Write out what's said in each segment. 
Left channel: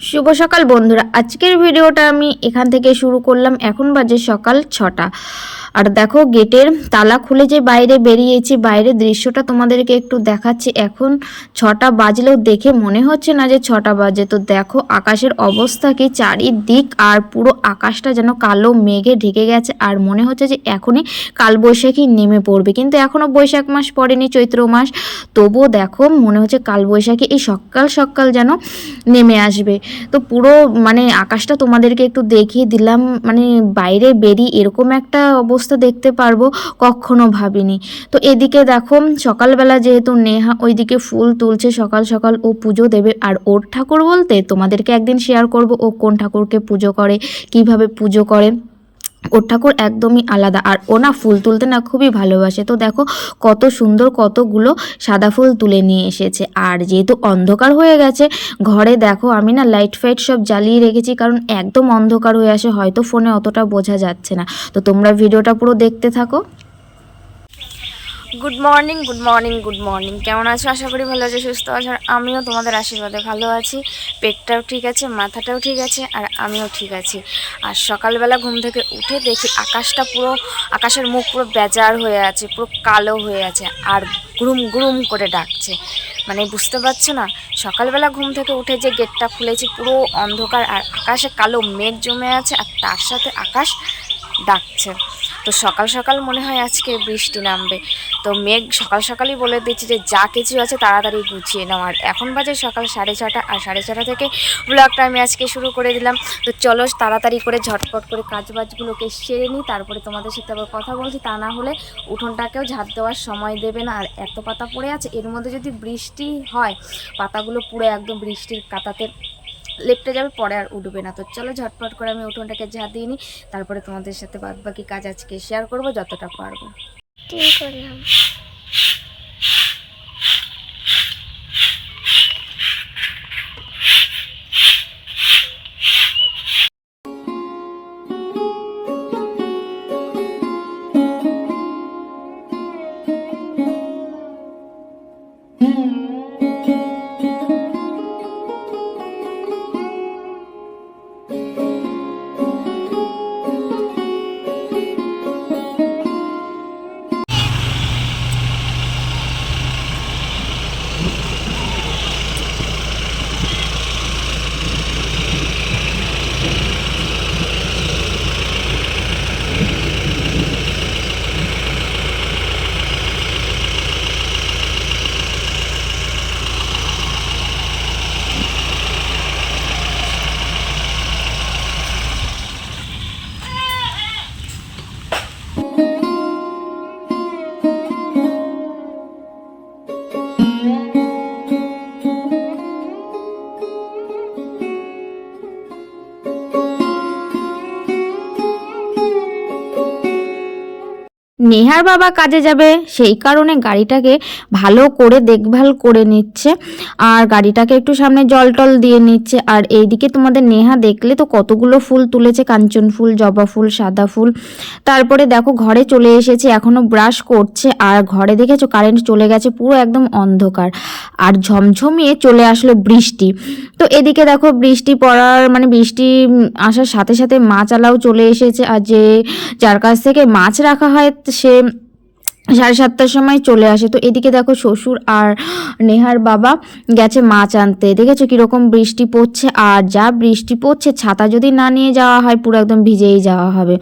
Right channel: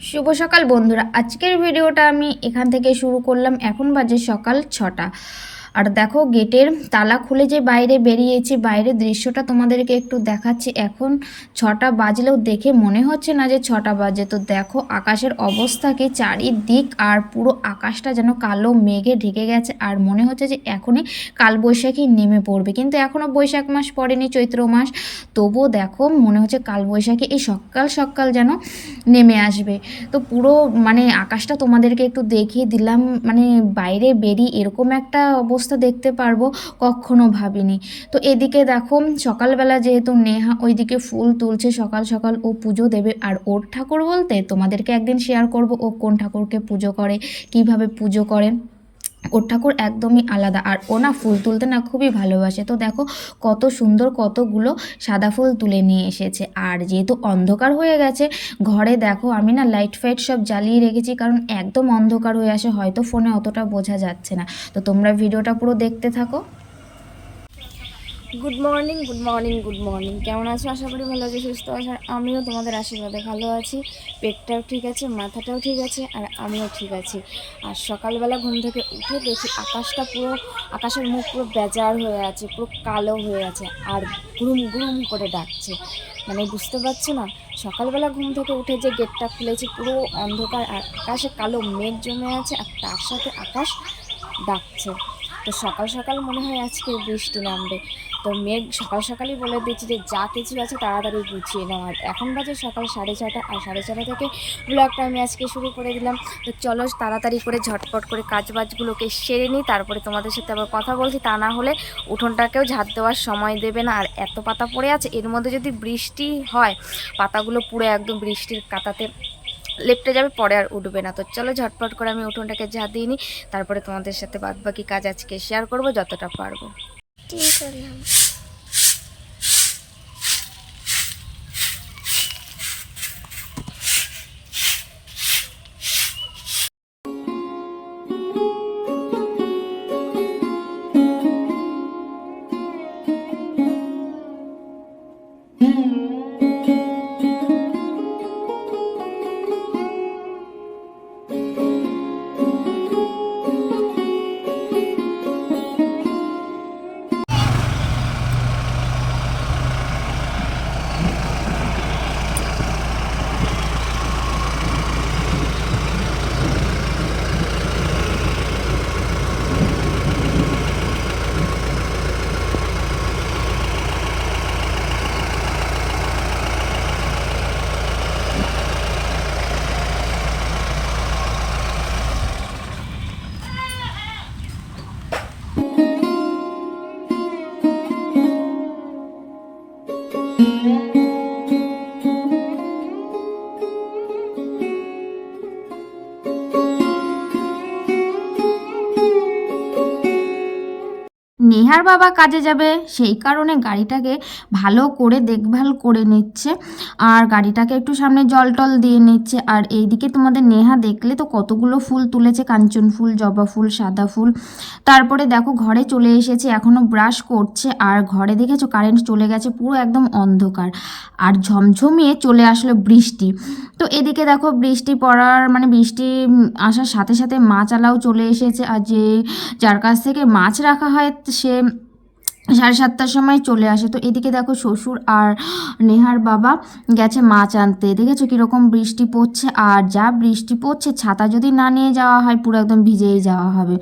শুভ সকাল বন্ধুরা। আজকের ভিডিওটা আমি এখান থেকে শুরু করলাম। এখন বাজে সকাল ছটা। আর দেখো গেটের তালা খুলে যে বাইরে বেরিয়েছি, বাইরের দৃশ্যটা তোমাদেরকে একটু দেখাচ্ছি। এখন ছটা বাজলেও দেখে মনে হচ্ছে না যে ছটা বাজে। তো দেখো আকাশের অবস্থা কি চারিদিক আর পুরো আকাশটা যেন কালো মেঘে ঢেকে গেছে আর মনে হচ্ছে যে এখনই কালবৈশাখী নেমে পড়বে। কিন্তু এখনও বৈশাখ মাস পড়েনি, চৈত্র মাস। তবুও দেখো মনে হচ্ছে কালবৈশাখী এই সকাল সকাল যেন নেমে আসবে। তো পুরো মানে আকাশটা তোমাদেরকে একটু দেখিয়ে দিলাম। মানে বাইরে বেরিয়ে এরকম একটা অবস্থা দেখতে পারব, কখনো ভাবিনি। তো এদিকে দেখো, সকালবেলা যেহেতু নেহা ওইদিকে ফুল তুলছে, সকাল সকাল ও পুজো দেবে। আর ওর ঠাকুর বলতে তোমাদেরকে একদিন শেয়ার করব ও কোন ঠাকুরকে পুজো করে, কীভাবে পুজো করে। ওর ঠাকুর একদমই আলাদা। আর ও না ফুল তুলতে না খুবই ভালোবাসে। তো দেখো কত সুন্দর কতগুলো সাদা ফুল তুলে নিয়ে এসেছে। আর যেহেতু অন্ধকার হয়ে গেছে, ঘরে দেখো আমি না লাইট ফাইট সব জ্বালিয়ে রেখেছি, কারণ একদম অন্ধকার হয়ে আসে, হয়তো ফোনে অতটা বোঝা যাচ্ছে না। তো তোমরা ভিডিওটা পুরো দেখতে থাকো। Good morning good morning good morning কেমন আছো? আশা করি ভালো আছে, সুস্থ আছো। আর আমিও তোমাদের আশীর্বাদে ভালো আছি। পেটটাও ঠিক আছে, মাথাটাও ঠিক আছে, আর আমিও ঠিক আছি। আর সকালবেলা ঘুম থেকে উঠে দেখি আকাশটা পুরো, আকাশের মুখ পুরো বেজার হয়ে আছে, পুরো কালো হয়ে আছে, আর গুরুম গুরুম করে ডাকছে। মানে বুঝতে পারছ না? সকালবেলা ঘুম থেকে উঠে যে গেটটা খুলেছি, পুরো অন্ধকার, আর আকাশে কালো মেঘ জমে আছে, আর তার সাথে আকাশ ডাকছে। তো সকাল সকাল মনে হয় আজকে বৃষ্টি নামবে। তো মেঘ সকাল সকালই বলে দিচ্ছে যে, যা কিছু আছে তাড়াতাড়ি গুছিয়ে নাও। আর এখন বাজে সকাল সাড়ে ছটা, আর সাড়ে ছটা থেকে ব্লগটা আমি আজকে শুরু করে দিলাম। তো চলো তাড়াতাড়ি করে ঝটপট করে কাজ বাজগুলোকে সেরে নিই, তারপরে তোমাদের সাথে আবার কথা বলছি। তা না হলে উঠোনটাকেও ঝাঁট দেওয়ার সময় দেবে না। আর এত পাতা পড়ে আছে, এর মধ্যে যদি বৃষ্টি হয়, পাতাগুলো পুরো একদম বৃষ্টির কাতাতে লেপটে যাবে, পরে আর উঠবে না। তো চলো ঝটপট করে আমি উঠোনটাকে ঝাঁ দিয়ে নিই, তারপরে তোমাদের সাথে বাদ বাকি কাজ আজকে শেয়ার করব যতটা পারব। ঠিক করলাম নেহার বাবা কাজে যাবে, সেই কারণে গাড়িটাকে ভালো করে দেখভাল করে নিচ্ছে আর গাড়িটাকে একটু সামনে জল টল দিয়ে নিচ্ছে। আর এইদিকে তোমাদের নেহা দেখলে তো কতগুলো ফুল তুলেছে, কাঞ্চন ফুল, জবা ফুল, সাদা ফুল। তারপরে দেখো ঘরে চলে এসেছে, এখনও ব্রাশ করছে আর ঘরে দেখেছ কারেন্ট চলে গেছে, পুরো একদম অন্ধকার। আর ঝমঝমিয়ে চলে আসলো বৃষ্টি। তো এদিকে দেখো বৃষ্টি পড়ার মানে বৃষ্টি আসার সাথে সাথে মাছ আলাও চলে এসেছে। আর যে, যার কাছ থেকে মাছ রাখা হয় সে সাড়ে সাতটার সময় চলে আসে। তো এদিকে দেখো শ্বশুর আর নেহার বাবা গেছে মাছ আনতে। দেখেছ কীরকম বৃষ্টি পড়ছে? আর যা বৃষ্টি পড়ছে, ছাতা যদি না নিয়ে যাওয়া হয়, পুরো একদম ভিজেই যাওয়া হবে।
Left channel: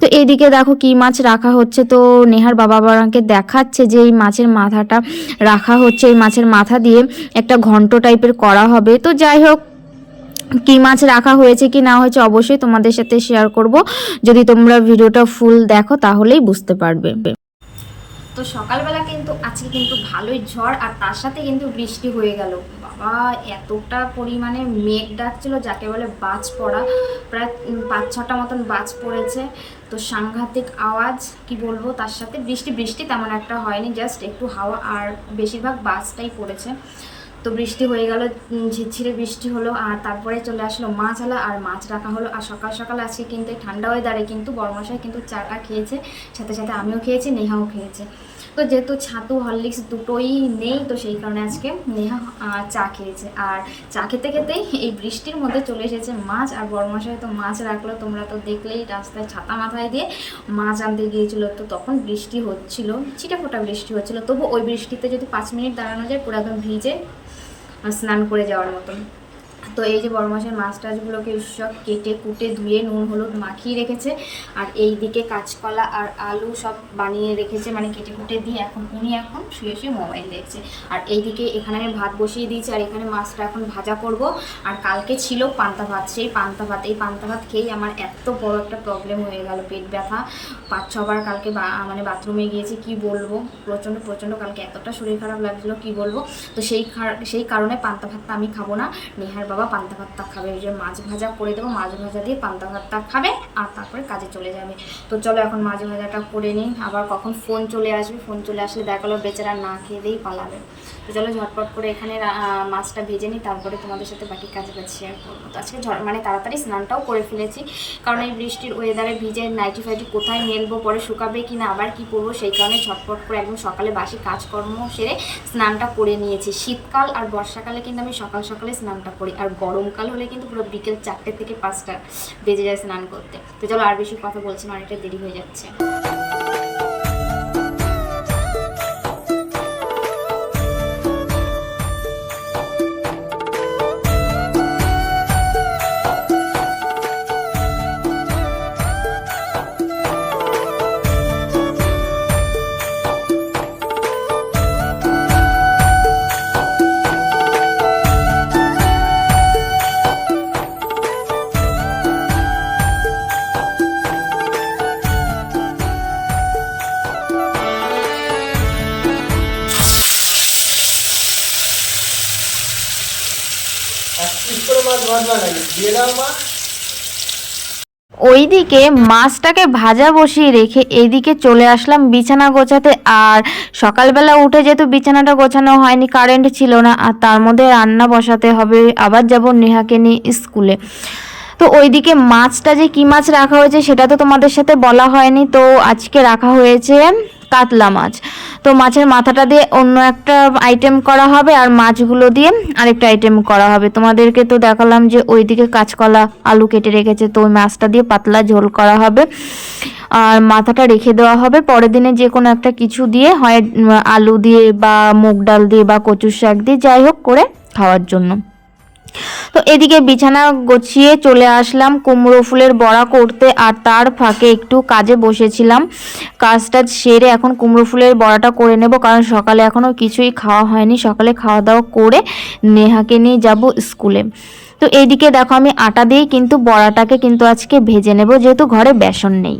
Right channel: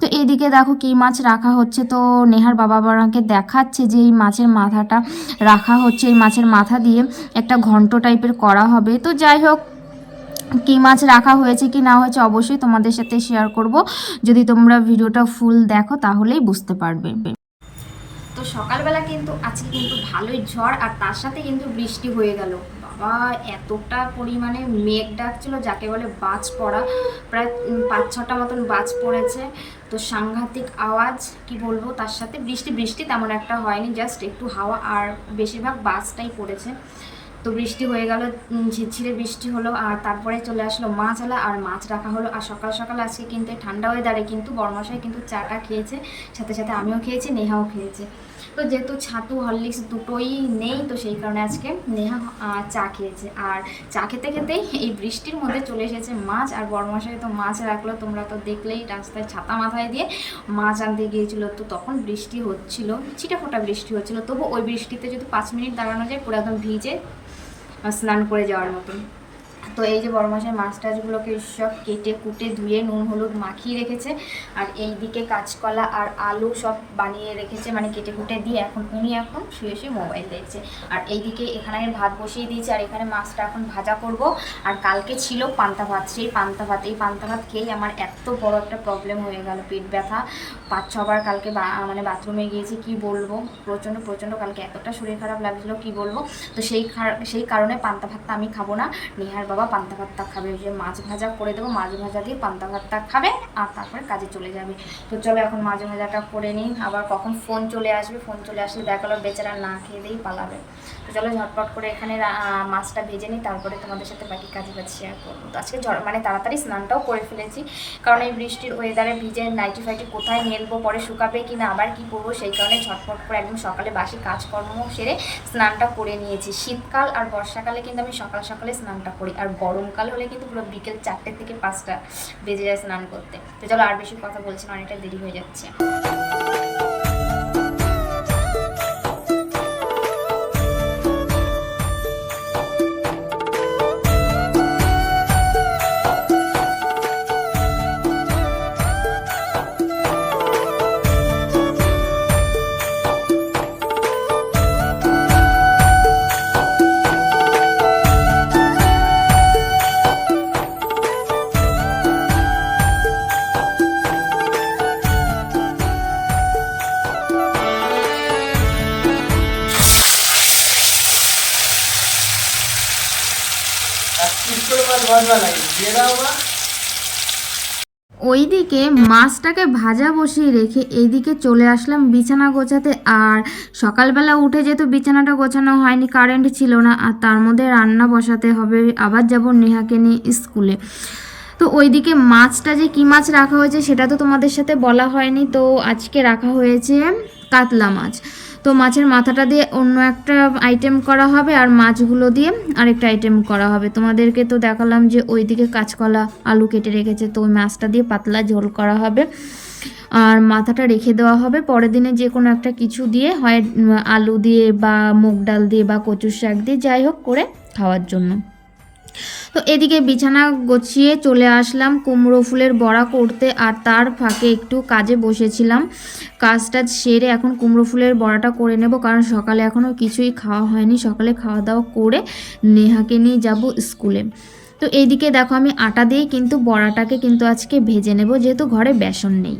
তো এদিকে দেখো কি মাছ রাখা হচ্ছে। তো নেহার বাবা বাবাকে দেখাচ্ছে যে এই মাছের মাথাটা রাখা হচ্ছে। এই মাছের মাথা দিয়ে একটা ঘন্ট টাইপের করা হবে। তো যাই হোক কি মাছ রাখা হয়েছে কি না হয়েছে অবশ্যই তোমাদের সাথে শেয়ার করব। যদি তোমরা ভিডিওটা ফুল দেখো তাহলেই বুঝতে পারবে। তো সকালবেলা কিন্তু, আজকে কিন্তু ভালোই ঝড় আর তার সাথে কিন্তু বৃষ্টি হয়ে গেল। বাবা, এতটা পরিমাণে মেঘ ডাকছিল যাকে বলে বাজ পড়া। প্রায় পাঁচ ছটা মতন বাজ পড়েছে। তো সাংঘাতিক আওয়াজ, কি বলব, তার সাথে বৃষ্টি বৃষ্টি তেমন একটা হয়নি জাস্ট একটু হাওয়া আর বেশিরভাগ বাজটাই পড়েছে। তো বৃষ্টি হয়ে গেল ঝিরঝিরে বৃষ্টি হলো আর তারপরে চলে আসলো মাছ আলা আর মাছ রাখা হলো। আর সকাল সকাল আজকে কিন্তু ঠান্ডা ওয়েদারে কিন্তু বর্মশাই কিন্তু চাটা খেয়েছে, সাথে সাথে আমিও খেয়েছি, নেহাও খেয়েছে। তো যেহেতু ছাতু, হরলিক্স দুটোই নেই, তো সেই কারণে আজকে নেহা চা খেয়েছে। আর চা খেতে খেতেই এই বৃষ্টির মধ্যে চলে এসেছে মাছ, আর বড় মশাই তো মাছ রাখল, তোমরা তো দেখলেই রাস্তায় ছাতা মাথায় দিয়ে মাছ আনতে গিয়েছিল, তো তখন বৃষ্টি হচ্ছিল, ছিটে ফোটা বৃষ্টি হচ্ছিল, তবু ওই বৃষ্টিতে যদি পাঁচ মিনিট দাঁড়ানো যায়, পুরো একদম ভিজে স্নান করে যাওয়ার মতন। তো এই যে বড় মশাই মাছ টাছগুলোকে সব কেটে কুটে ধুয়ে নুন, হলুদ মাখিয়ে রেখেছে। আর এই দিকে কাঁচকলা আর আলু সব বানিয়ে রেখেছে মানে কেটে কুটে দিয়ে এখন উনি এখন শুয়ে শুয়ে মোবাইল দেখছে। আর এইদিকে এখানে আমি ভাত বসিয়ে দিয়েছি, আর এখানে মাছটা এখন ভাজা করব। আর কালকে ছিল পান্তা ভাত, সেই পান্তা ভাত। এই পান্তা ভাত খেয়েই আমার এত বড় একটা প্রবলেম হয়ে গেল, পেট ব্যথা। পাঁচ, ছবার কালকে মানে বাথরুমে গিয়েছি, কি বলব? প্রচণ্ড প্রচণ্ড কালকে এতটা শরীর খারাপ লাগছিল, কি বলব? তো সেই সেই কারণে পান্তা ভাতটা আমি খাব না। নেহার বাবা পান্তা ভাতটা খাবে। ওই যে মাছ ভাজা করে দেবো, মাছ ভাজা দিয়ে পান্তা ভাতটা খাবে আর তারপরে কাজে চলে যাবে। তো চলো এখন মাছ ভাজাটা করে নিই। আবার কখন ফোন চলে আসবে ফোন চলে আসলে দেখাল বেচারা না খেয়ে দিয়েই পালাবে। তো চলো ঝটপট করে এখানে মাছটা ভেজে নিই, তারপরে তোমাদের সাথে বাকি কাজে কাজ শেয়ার করব। তো আজকে মানে তাড়াতাড়ি স্নানটাও করে ফেলেছি, কারণ এই বৃষ্টির ওয়েদারে ভিজে নাইটি ফাইটি কোথায় মেলবো, পরে শুকাবে কি না আবার কি পরবো সেই কারণে ঝটপট করে একদম সকালে বাসি কাজকর্ম সেরে স্নানটা করে নিয়েছি। শীতকাল আর বর্ষাকালে কিন্তু আমি সকাল সকালে স্নানটা করি, আর গরমকাল হলে কিন্তু পুরো বিকেল চারটে থেকে পাঁচটা বেজে যায় স্নান করতে। তো চলো আর বেশি কথা বলছি না, অনেকটা দেরি হয়ে যাচ্ছে। ওইদিকে মাছটাকে ভাজা বসিয়ে রেখে এইদিকে চলে আসলাম বিছানা গোছাতে। আর সকালবেলা উঠে যেহেতু বিছানাটা গোছানো হয়নি কারেন্ট ছিল না, আর তার মধ্যে রান্না বসাতে হবে। আবার যাব নেহাকে নিয়ে স্কুলে। তো ওইদিকে মাছটা যে কী মাছ রাখা হয়েছে সেটা তো তোমাদের সাথে বলা হয়নি। তো আজকে রাখা হয়েছে কাতলা মাছ। তো মাছের মাথাটা দিয়ে অন্য একটা আইটেম করা হবে আর মাছগুলো দিয়ে আরেকটা আইটেম করা হবে। তোমাদেরকে তো দেখালাম যে ওইদিকে কাঁচকলা আলু কেটে রেখেছে, তো ওই মাছটা দিয়ে পাতলা ঝোল করা হবে। আর মাথাটা রেখে দেওয়া হবে। পরের দিনে যে কোনো একটা কিছু দিয়ে, হয় আলু দিয়ে বা মুগ ডাল দিয়ে বা কচুর শাক দিয়ে, যাই হোক করে খাওয়ার জন্য। তো এদিকে বিছানা গুছিয়ে চলে আসলাম, কুমড়ো ফুলের বড়া করতে, আর তার ফাঁকে একটু কাজে বসেছিলাম। কাজটা সেরে এখন কুমড়ো ফুলের বড়াটা করে নেব, কারণ সকালে এখনও কিছুই খাওয়া হয়নি। সকালে খাওয়া দাওয়া করে নেহাকে নিয়ে যাব স্কুলে। তো এইদিকে দেখো আমি আটা দিয়েই কিন্তু বড়াটাকে কিন্তু আজকে ভেজে নেব, যেহেতু ঘরে বেসন নেই।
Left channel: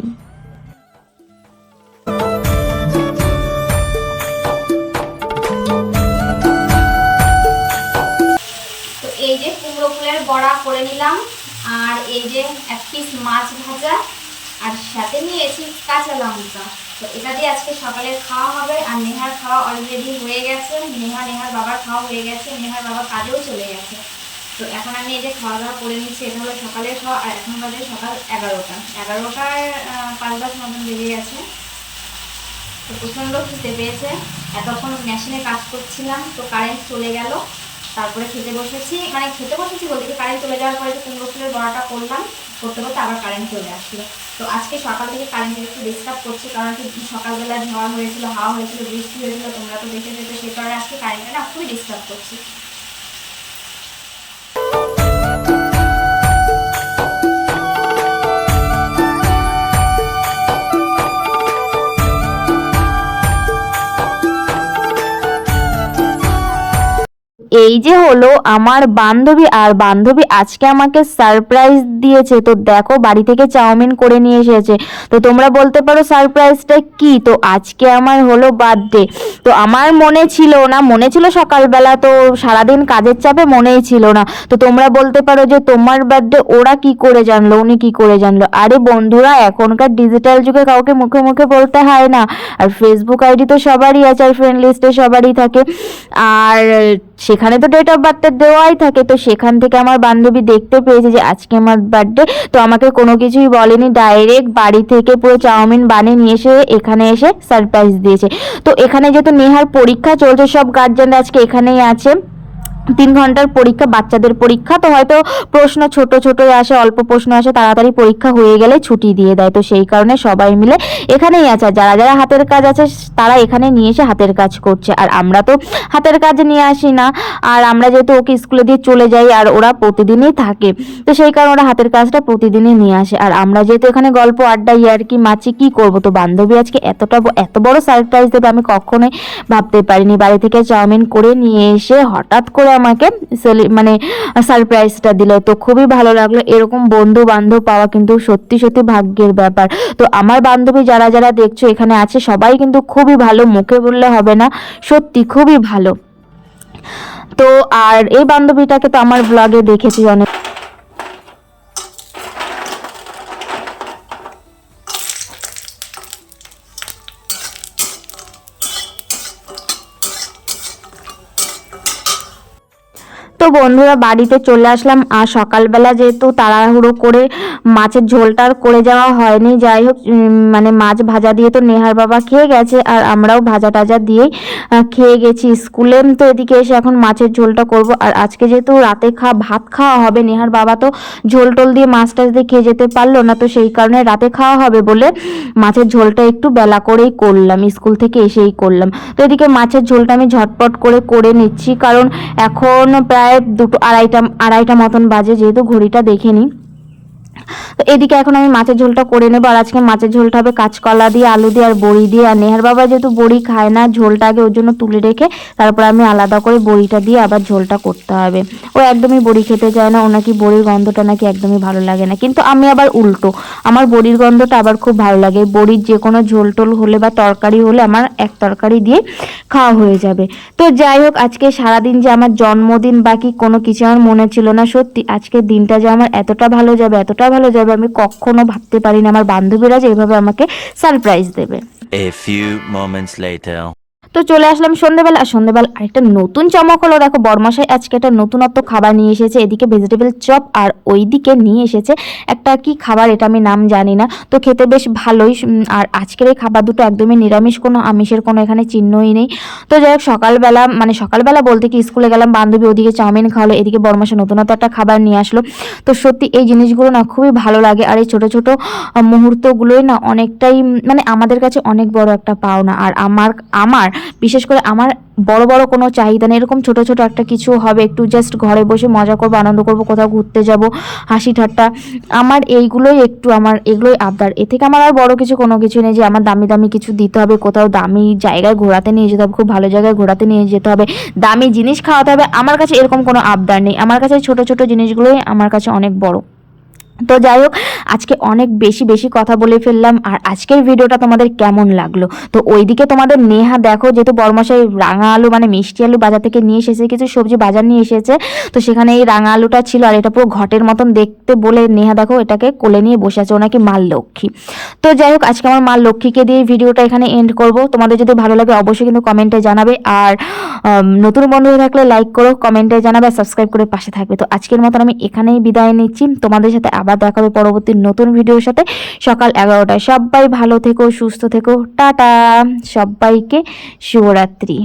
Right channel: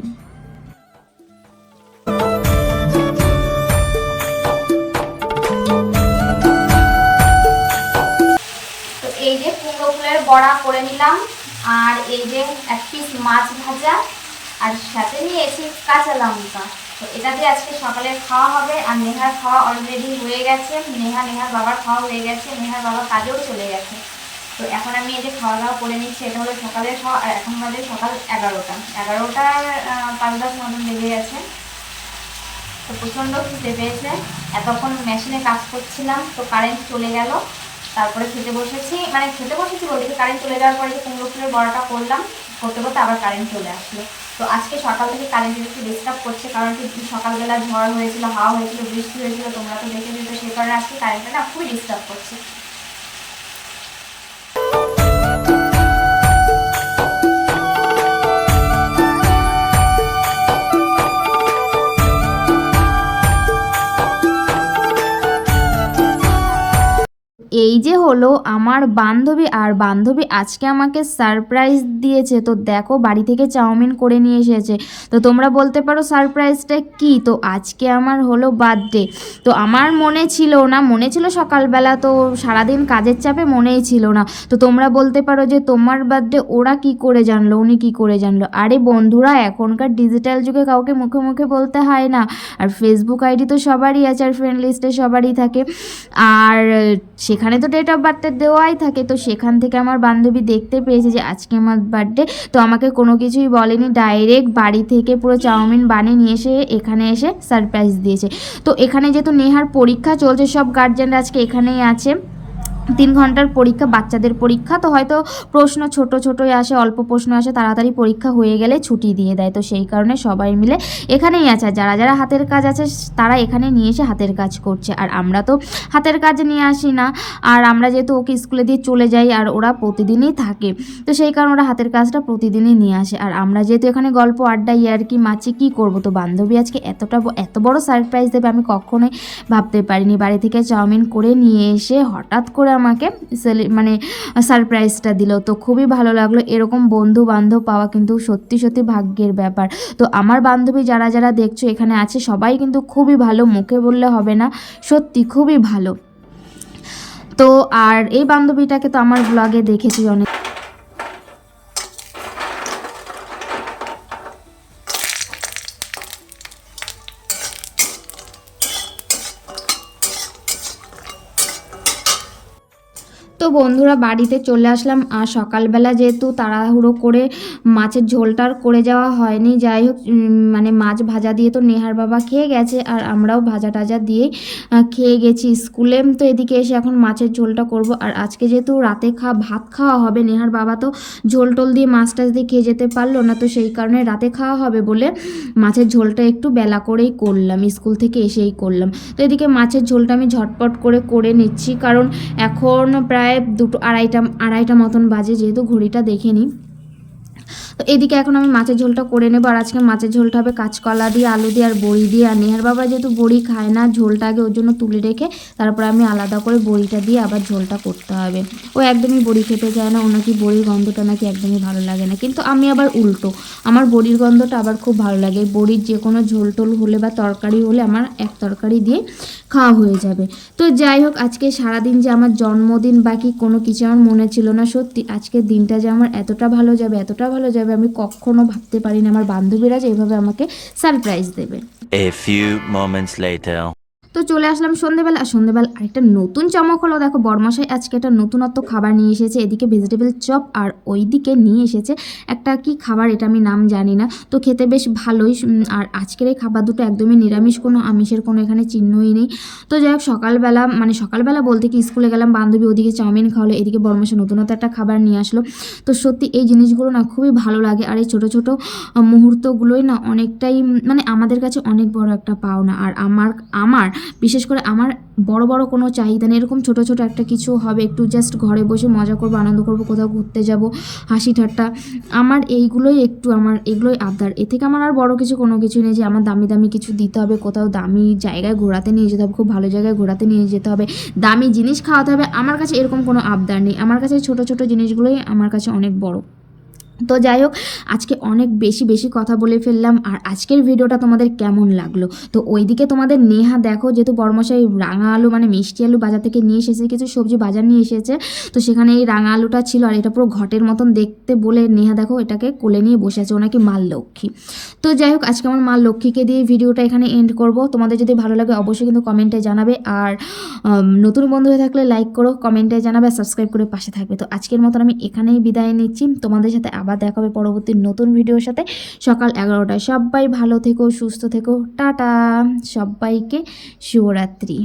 করে নিলাম। আর এই যে এক পিস মাছ ভাজা, আর সাথে নিয়েছি কাঁচা লঙ্কা। তো এটা দিয়ে আজকে সকালে খাওয়া হবে। আর নেহার খাওয়া অলরেডি হয়ে গেছে। নেহা, নেহার বাবার খাওয়া হয়ে গেছে। নেহার বাবা কাজেও চলে গেছে। তো এখন আমি এই যে খাওয়া দাওয়া করে নিচ্ছি, এটা হলো সকালের খাওয়া। আর এখন বাজে সকাল এগারোটা। এগারোটার পাঁচ দশ মতন বেজে গেছে। তো প্রচণ্ড খিদে পেয়েছে। এতক্ষণ মেশিনে কাজ করছিলাম, তো কারেন্ট চলে গেল। তারপরে খেতে বসেছি মানে খেতে বসেছি বলতে কি কারেন্ট চলে যাওয়ার পরে কুমড়ো ফুলের বড়াটা করলাম, করতে করতে আবার কারেন্ট চলে আসলো। তো আজকে সকাল থেকে কারেন্টের একটু ডিস্টার্ব করছে, কারণ কি সকালবেলা ঝড় হয়েছিল, হাওয়া হয়েছিল, বৃষ্টি হয়েছিল, তোমরা তো দেখে যেতে, সে কারণে আজকে কারেন্টটা না খুবই ডিস্টার্ব করছে। এই যে হলো আমার বান্ধবী আর বান্ধবী আজকে আমাকে সারপ্রাইজ দিয়েছে। তো দেখো বাড়ি থেকে চাউমিন করে নিয়ে এসেছে। তো তোমরা বলতে পারো সারপ্রাইজটা কি? তো আজকে আমার হলো বার্থডে তো আমার মনে ছিল না, মনে ছিল সকালবেলা, তো সারাদিন কাজের চাপে মনেই ছিল না। তো তোমরা বলতে পারো যে তোমার বার্থডে ওরা কি করে জানলো, উনি কি করে জানলো? আরে বন্ধুরা, এখনকার ডিজিটাল যুগে কাউকে মুখে মুখে বলতে হয় না। আর ফেসবুক আইডি তো সবারই আছে, আর ফ্রেন্ড লিস্টে সবারই থাকে। আর সেখানে তো ডেট অফ বার্থটা দেওয়াই থাকে। তো সেখান থেকে আমার বান্ধবী দেখতে পেয়েছে যে, আজকে আমার বার্থডে তো আমাকে কোনো কিছুই বলেনি। ডাইরেক্ট বাড়ি থেকে পুরো চাউমিন বানিয়ে নিয়ে এসে এখানে এসে সারপ্রাইজ দিয়েছে। তো এখানে যেহেতু নেহার পরীক্ষা চলছে, সব গার্জেনরা আজকে এখানেই আছে। তিন ঘণ্টার পরীক্ষা, বাচ্চাদের পরীক্ষা। তো হয়তো প্রশ্ন ছোট ছোটই আসে, অল্প প্রশ্ন আসে, তাড়াতাড়ি পরীক্ষা হয়ে গেলে ছুটি দিয়ে দেয়। তো সেই কারণে সবাই মিলে এখানেই আছে। যারা যারা হাতের কাজ আছে, তারা এখানে নিয়ে এসে হাতের কাজ করছে। আর আমরা তো হাতের কাজ নিয়ে আসি না। আর আমরা যেহেতু ওকে স্কুলে দিয়ে চলে যাই, আর ওরা প্রতিদিনই থাকে। তো সেই কারণে ওরা হাতের কাজটা প্রতিদিনই নিয়ে আসে। আর আমরা যেহেতু এখানে গল্প আড্ডা ইয়ার কি মাছি কি করব? তো বান্ধবী আজকে এতটা এত বড় সারপ্রাইজ দেবে আমি কখনোই ভাবতে পারিনি। বাড়ি থেকে চাউমিন করে নিয়ে এসে হঠাৎ করে আমাকে মানে সারপ্রাইজটা দিল। তো খুবই ভালো লাগল। এরকম বন্ধু বান্ধব পাওয়া কিন্তু সত্যি সত্যি ভাগ্যের ব্যাপার। তো আমার বান্ধবী যারা যারা দেখছ এখানে আছে, সবাই কিন্তু খুবই ভালো। মুখে বললে হবে না। সত্যি খুবই ভালো। তো আর এই বান্ধবীটাকে তো আমার ব্লগে দেখেছি অনেক। বন্ধুরা বাড়িতে চলে আসলাম। আর সকালবেলা যেহেতু তাড়াহুড়ো করে মাছের ঝোলটা আর করে যাওয়া হয়নি, যাই হোক মানে মাছ ভাজা দিয়ে তো নেহার বাবা খেয়ে গেছে আর আমরাও ভাজা টাজা দিয়েই খেয়ে গেছি স্কুলে। তো এদিকে এসে এখন মাছের ঝোলটা করব। আর আজকে যেহেতু রাতে খাওয়া ভাত খাওয়া হবে, নেহার বাবা তো ঝোল টোল দিয়ে মাছ টাছ দিয়ে খেয়ে যেতে পারল না, তো সেই কারণে রাতে খাওয়া হবে বলে মাছের ঝোলটা একটু বেলা করেই করলাম, স্কুল থেকে এসেই করলাম। তো এদিকে মাছের ঝোলটা আমি ঝটপট করে করে নিচ্ছি, কারণ এখন প্রায় দুটো আড়াইটা আড়াইটা মতন বাজে যেহেতু ঘড়িটা দেখে নিই। তো এদিকে এখন আমি মাছের ঝোলটা করে নেব। আর আজকে মাছের ঝোলটা হবে কাঁচকলা দিয়ে, আলু দিয়ে আর বড়ি দিয়ে। আর নেহার বাবা যেহেতু বড়ি খায় না, ঝোলটা আগে ওর জন্য তুলে রেখে তারপর আমি আলাদা করে বড়িটা দিয়ে আবার ঝোলটা করতে হবে। ও একদমই বড়ি খেতে চায় না ও নাকি বড়ির গন্ধটা নাকি একদমই ভালো লাগে না। কিন্তু আমি আবার উল্টো, আমার বড়ির গন্ধটা আবার খুব ভালো লাগে। বড়ির যে কোনো ঝোল টোল হলে বা তরকারি হলে আমার এক তরকারি দিয়ে খাওয়া হয়ে যাবে। তো যাই হোক, আজকে সারাদিন যে আমার জন্মদিন বাকি কোনো কিছু আমার মনে ছিল না। সত্যি, আজকের দিনটা যে আমার এতটা ভালো যাবে, এতটা ভালো যাবে, আমি কখনো ভাবতে পারিনি আমার বান্ধবীরা যে এভাবে আমাকে সারপ্রাইজ দেবে A few moments later. তো চলে আসলাম সন্ধ্যেবেলা আর সন্ধেবেলা আরেকটা নতুন চমক হলো, দেখো বরমাসাই আজকে একটা নতুনত্ব খাবার নিয়ে এসেছে, এদিকে ভেজিটেবল চপ আর ওইদিকে নিয়ে এসেছে একটা কি খাবার এটা আমি নাম জানি না। তো খেতে বেশ ভালোই আর আজকের এই খাবার দুটো একদমই নিরামিষ, কোনো আমিষের কোনো এখানে চিহ্নই নেই। তো যাই হোক, সকালবেলা মানে সকালবেলা বলতে কি স্কুলে গেলাম, বান্ধবী ওদিকে চাউমিন খাওয়ালো, এদিকে বরমাসা নতুনত্ব একটা খাবার নিয়ে আসলো। তো সত্যি এই জিনিসগুলো না খুবই ভালো লাগে, আর এই ছোটো ছোটো মুহূর্তগুলোই না অনেকটাই মানে আমাদের কাছে অনেক বড় একটা পাওনা। আর আমার আমার বিশেষ করে আমার বড় বড় কোনো চাহিদা নেই। এরকম ছোট ছোট একটা কিছু হবে, একটু জাস্ট ঘরে বসে মজা করব, আনন্দ করব, কোথাও ঘুরতে যাব, হাসি ঠাট্টা। আমার এইগুলোই একটু আমার, এগুলোই আবদার। এ থেকে আমার আর বড় কিছু, কোনো কিছু নেই যে আমার দামি দামি কিছু দিতে হবে, কোথাও দামি জায়গায় ঘোরাতে নিয়ে যেতে হবে, খুব ভালো জায়গায় ঘোরাতে নিয়ে যেতে হবে, দামি জিনিস খাওয়াতে হবে। আমার কাছে এরকম কোনো আবদার নেই। আমার কাছে ছোট ছোট জিনিসগুলোই আমার কাছে অনেক বড়। তো যাই হোক, আজকে অনেক বেশি বেশি কথা বলে ফেললাম আর আজকের ভিডিওটা তোমাদের কেমন লাগল? তো ওইদিকে তোমাদের নেহা দেখো, যেহেতু বরমশাই রাঙা আলু মানে মিষ্টি আলু বাজার থেকে নিয়ে এসেছে, কিছু সবজি বাজার নিয়ে এসেছে, তো সেখানে এই রাঙা আলুটা ছিল আর এটা পুরো ঘটের মতন দেখতে বলে নেহা দেখো এটাকে কোলে নিয়ে বসে আছে ওনাকে মাল লক্ষ্মী। তো যাই হোক, আজকে আমার মা লক্ষ্মীকে দিয়ে ভিডিওটা এখানে এন্ড করব। তোমাদের যদি ভালো লাগে অবশ্যই কিন্তু কমেন্টে জানাবে আর নতুন বন্ধু থাকলে লাইক করো কমেন্টে জানাবে সাবস্ক্রাইব করে পাশে থাকবে। তো আজকের মতন আমি এখানেই বিদায় নিচ্ছি। তোমাদের সাথে আবার দেখা হবে পরবর্তী নতুন ভিডিওর সাথে। সকাল এগারোটায় সবাই ভালো থেকো, সুস্থ থেকো। টাটা! সবাইকে শুভরাত্রি।